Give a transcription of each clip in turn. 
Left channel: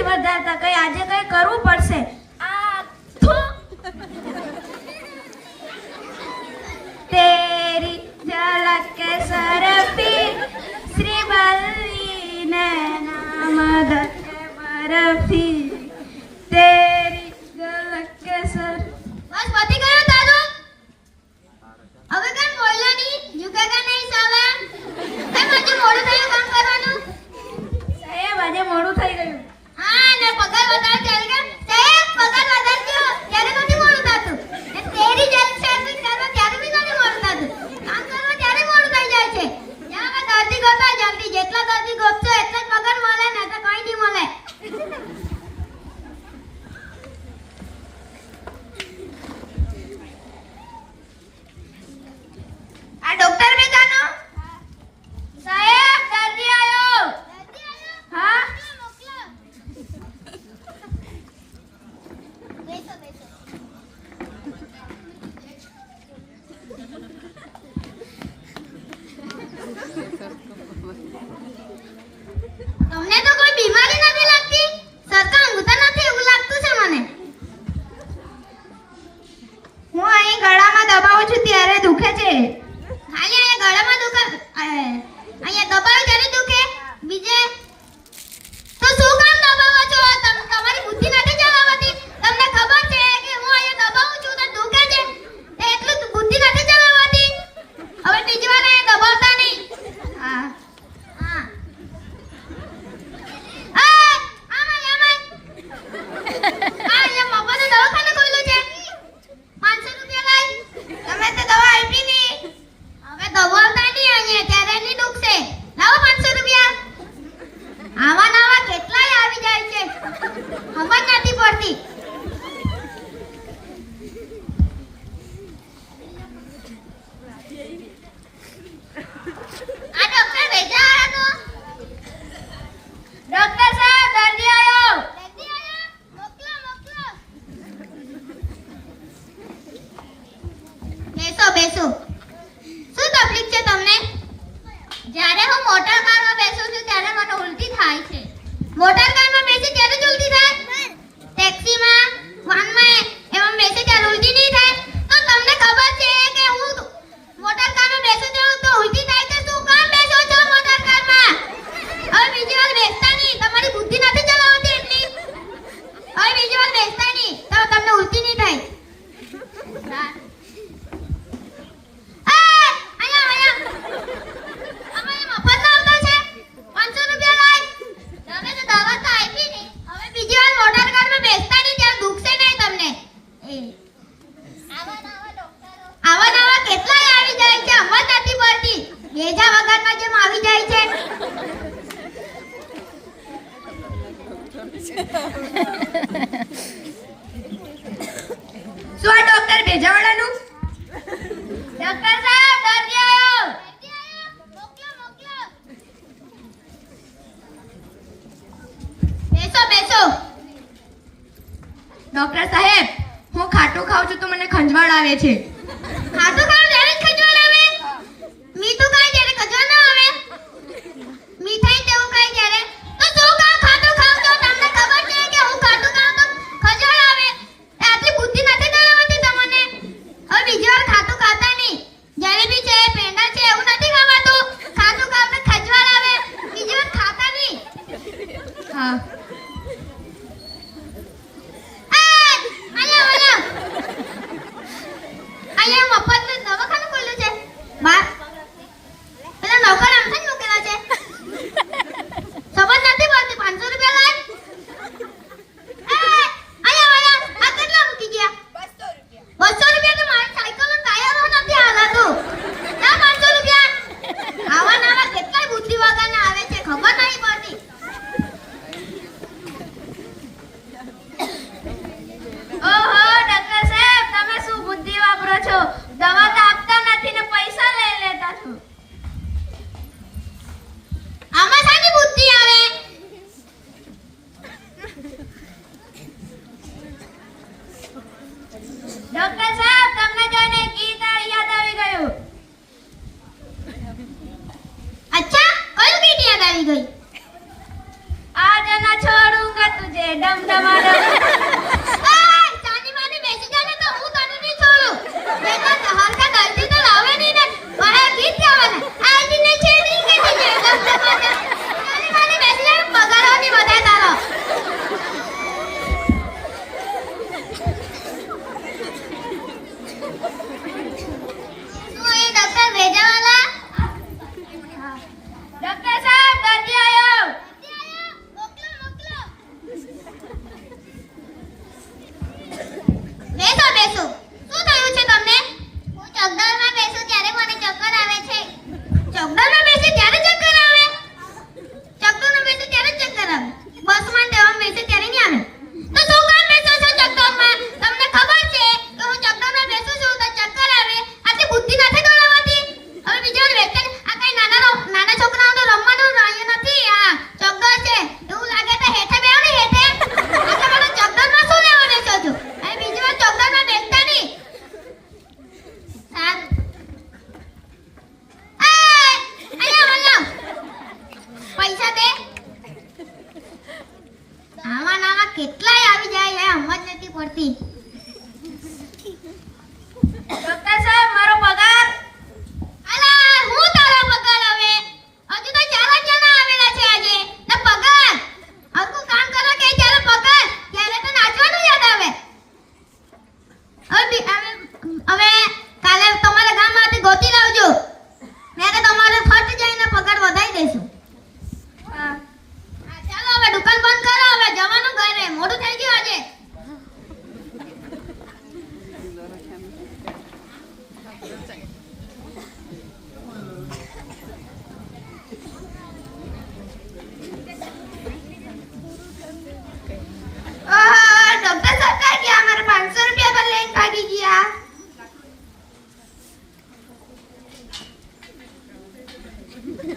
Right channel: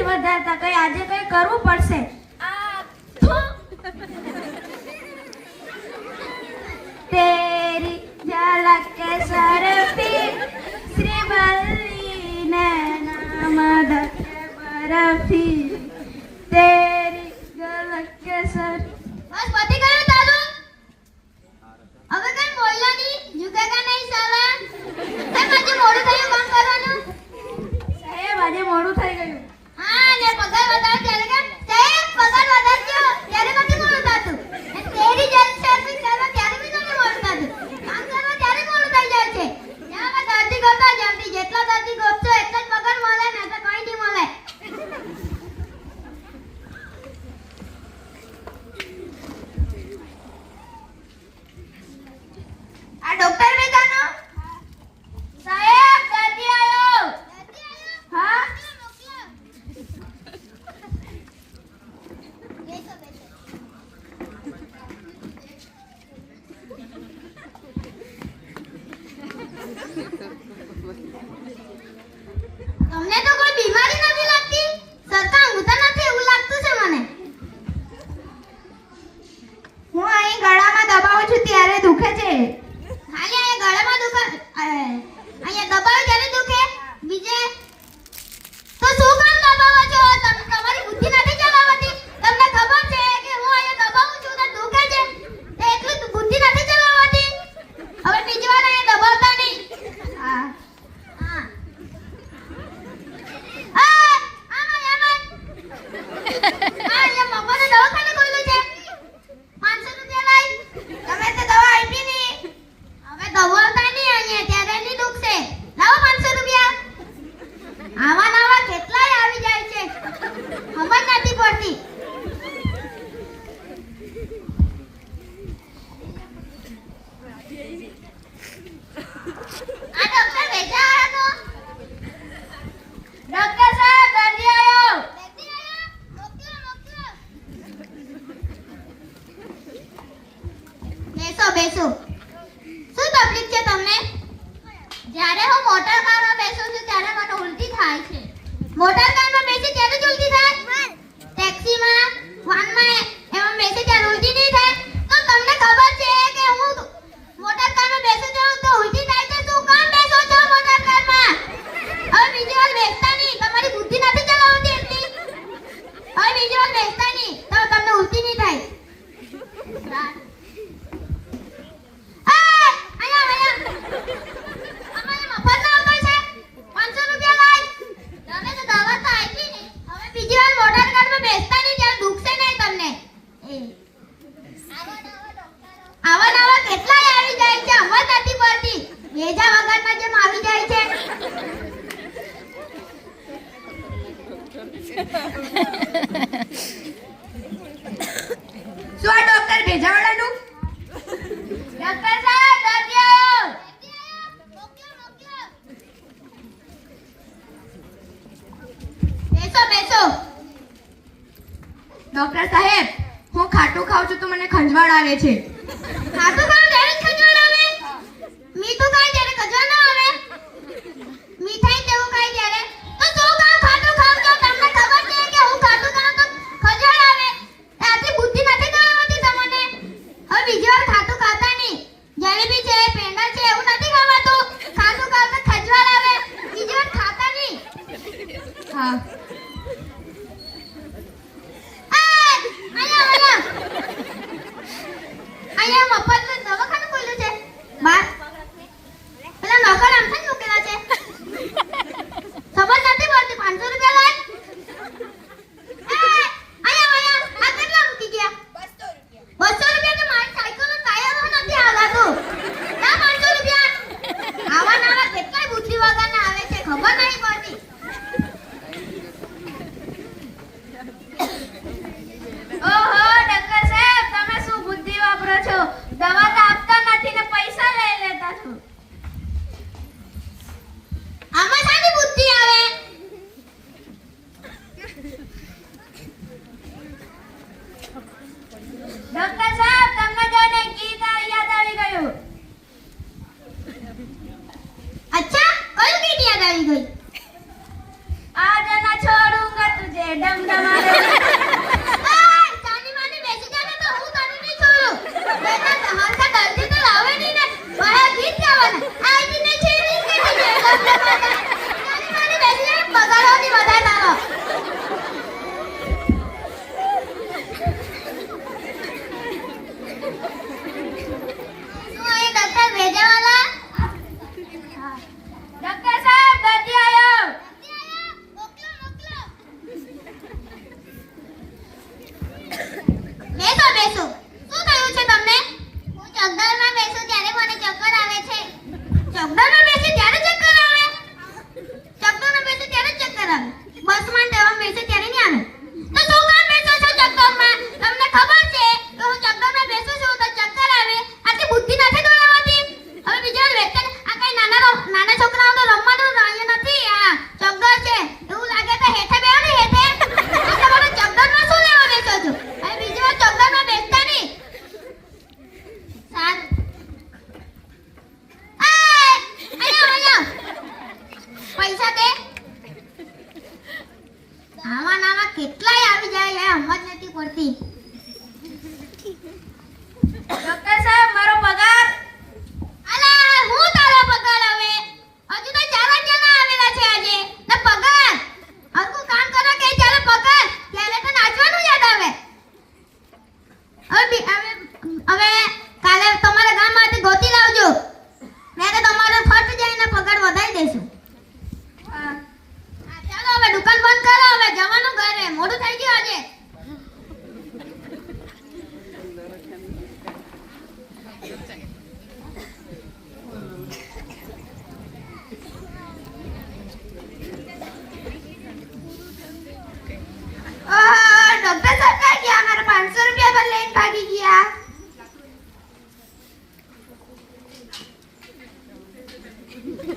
નથી વધારતા. કઈ આજે કઈ કરવું પડશે. तेरी झलक के सरफी श्री बल्ली नैना मदद बरफी तेरी झलक के सर બસ પતી ગયું તારું. હવે કઈ બોલ્યો નહીં, ઝુકેગા નહીં સાલા. કઈ આજે મોડું થયું કામ કરવાનું. સાહેબ આજે મોડું થઈ ગયું. હા ને પગાર વધારે ચાલે કે સાહેબ પગાર વધારજો ત્યારે નથી મોડું થતું. એ તેરી જલ્દી સર્વિસ કરવા ત્યારે બી નથી મોડું થતું. કામ કરવા ત્યારે મોડું થઈ જાય છે. જ્યાં દર્દી ગોતા જલ્દી જેટલા દર્દી ગોતશો એટલા જ પગાર મળે ને તો કઈ નહીં મળે. આ ડોક્ટર બેટાનો સાહેબ દર્દી આયો. હા બેસો બેસો. તમને તો કોઈ બીમારી નથી લાગતી? સરકાર ઊંઘતા નથી એવું લાગતું છે મને. હું અહીં ગળામાં દબાવું છું ત્યારે દુખે છે. ખાલી અહીંયા ગળામાં દુખે અહીંયા દબાવ ત્યારે દુખે બીજે તો શું કામ દબાવો છો? તમારી બુદ્ધિ નથી ચલાવતી. તમને ખબર છે કે હું અહીંયા દબાવું છું તો દુખે છે એટલું બુદ્ધિ નથી ચલાવતી. હવે બીજી વાર અહીંયા દબાવતા નહીં. હા હા આમાં અહીંયા મફત દવાખાને ખોલ્યું છે. 500 રૂપિયા લઈ તમે તો દવા આપી નહીં. હવે દબાવતા નહીં અહીંયા ત્યારે નહીં દુખશે. લાવો 500 રૂપિયા. આવા નવા કેટલાય આવી જાય છે ખબર નથી પડતી. આ ડોક્ટર ભેજા આયો તો. ડોક્ટર સાહેબ દર્દી આવ્યો. દર્દી આયો મોકલો મોકલો. બેસો બેસો. શું તકલીફ છે તમને? જ્યારે હું મોટર કારમાં બેસું છું ત્યારે મને ઉલટી થાય છે. મોટર કારમાં બેસી ત્યારે જ ઉલટી થાય? ટેક્સીમાં વાનમાં એમાં બેસી ત્યારે ઉલટી નહીં થાય? તો તમને ખબર છે કે હું મોટર કારમાં બેસું છું તો ઉલટી થાય છે. શું કામ બેસો છો મોટર કારમાં? હવે બીજી વાર બેસતા નહીં. તમારી બુદ્ધિ નથી ચલાવતી એટલી. હવે બીજી વાર બેસતા નહીં તો તમને ઉલટી નહીં થાય. ભેજા વગરના જેમ આવી જાય છે. શું આ ડોક્ટર ભેજાવાળાનું? ડોક્ટર સાહેબ દર્દી આવ્યો. મોકલો મોકલો. બેસો બેસો. ડોક્ટર સાહેબ હું ખાટું ખાઉં છું તો મને ખંજવાળ આવે છે. ખાટું ખાવ ત્યારે જ ખજવાળ આવે? મીઠું ખાય ત્યારે ખજવાળ ના આવે? મીઠાઈ તેવું ખાય ત્યારે તો શું કામ ખાટું ખાવ છો? તમને ખબર છે કે હું ખાટું ખાવ તો ખજવાળ આવે? એ આટલી બુદ્ધિ નથી ચલાવતી તમને. હવે બીજી વાર ખાટું ખાતા નહીં. જલેબી છે પેંડા છે એવું નથી ખાવાતું. ખાટું ખાવ તો ખજવાળ આવે. બીજી વાર ખાતા નહીં. હા આયા ઓલા.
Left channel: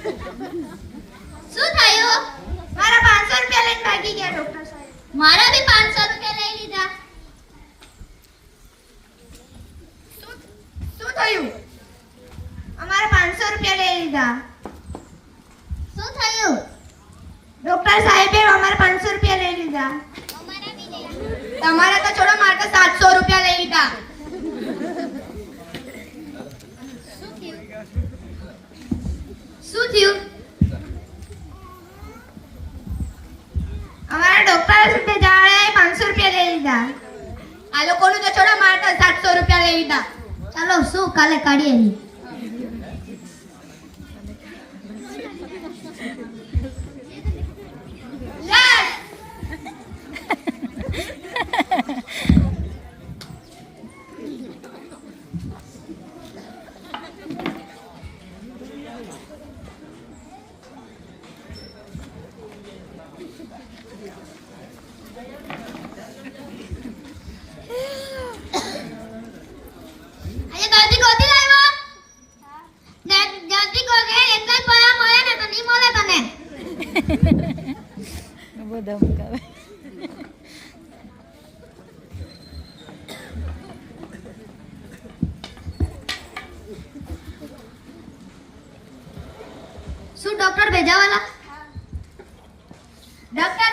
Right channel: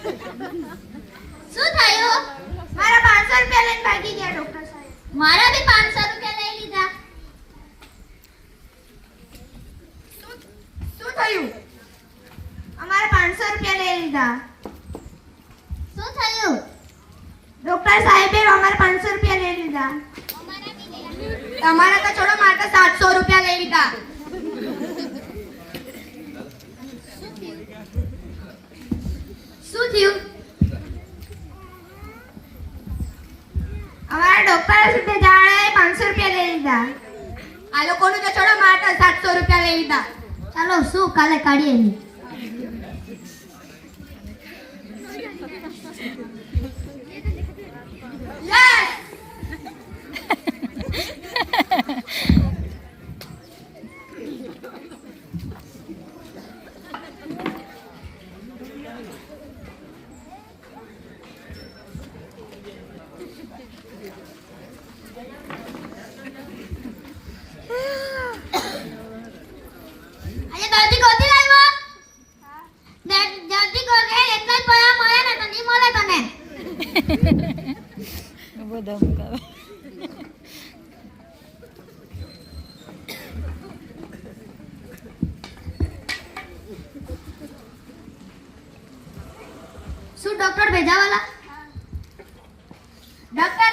શું થયું? મારા 500 રૂપિયા લઈને ભાગી ગયા ડોક્ટર સાહેબ. મારા બી 500 રૂપિયા લઈ લીધા. શું થયું? અમારા 500 રૂપિયા લઈ લીધા. શું થયું? ડોક્ટર સાહેબે અમારા 500 રૂપિયા લઈ લીધા. અમારા બી લઈ લીધા. તમારા તો છોડો, મારે તો 700 રૂપિયા લઈ લીધા. શું થયું? અમારા ડોક્ટર જાણે 500 રૂપિયા લઈ લીધા. આ લોકોનું તો છોડો, મારે તો 700 રૂપિયા લઈ લીધા. ચાલો શું કાલે કાઢીએ એની. યસ. આજે દર્દી ગોતી લાવ્યો? દર્દી ગોતે એટલા જ પૈસા મળે ને તો નહીં મળે તને. બહુ ધમકાવે. શું ડોક્ટર ભેજાવાલા? ડોક્ટર